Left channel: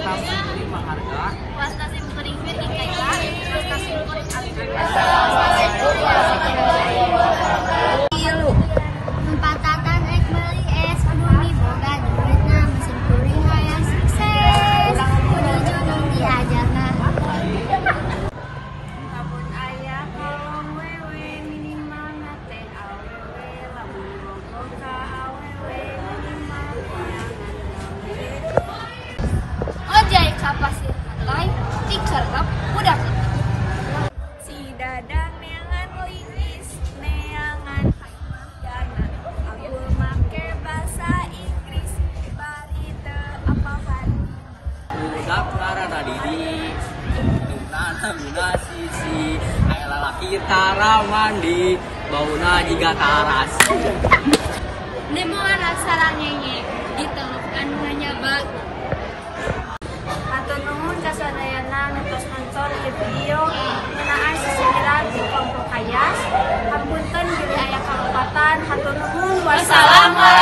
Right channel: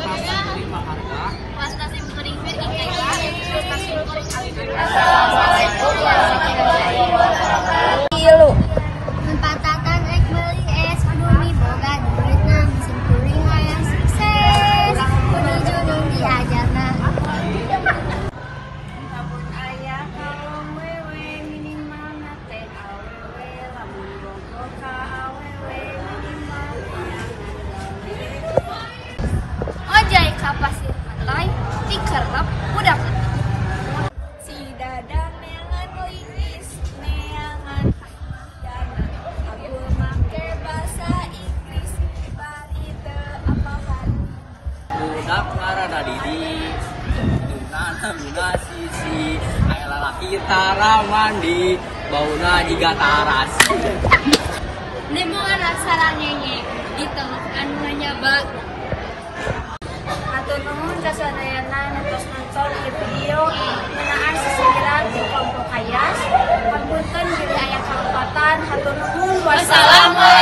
Wasam Simpuri Maharga. Wasta Simpuri Ikaika. Wasta Simpuri Alkanda. Ilu. Empatatan beli es bumi boga duitna Simpuri hayang sukses. Kudu junung diajarna. Kabun ayah kalong wewe minimal nate awewe lamun bogo ka awewe minimal Ojai kapasir pantai, dikerep budak. si dadang neangan liwis neangan dana aku make bahasa Inggris bari teu apa-apaan. Dak ngaranna Didi. Nana guna sisi. Aya lalaki tara mandi. Bauna jiga taras. Ribuan aksara ngenge ditengok anu nganyaba. Atau nuhun sasadayana nonton nonton di video ngenaan sisiran di Koko Kaya. Ampunten bila aya kalopatan, hatur nuhun. Wassalamualaikum.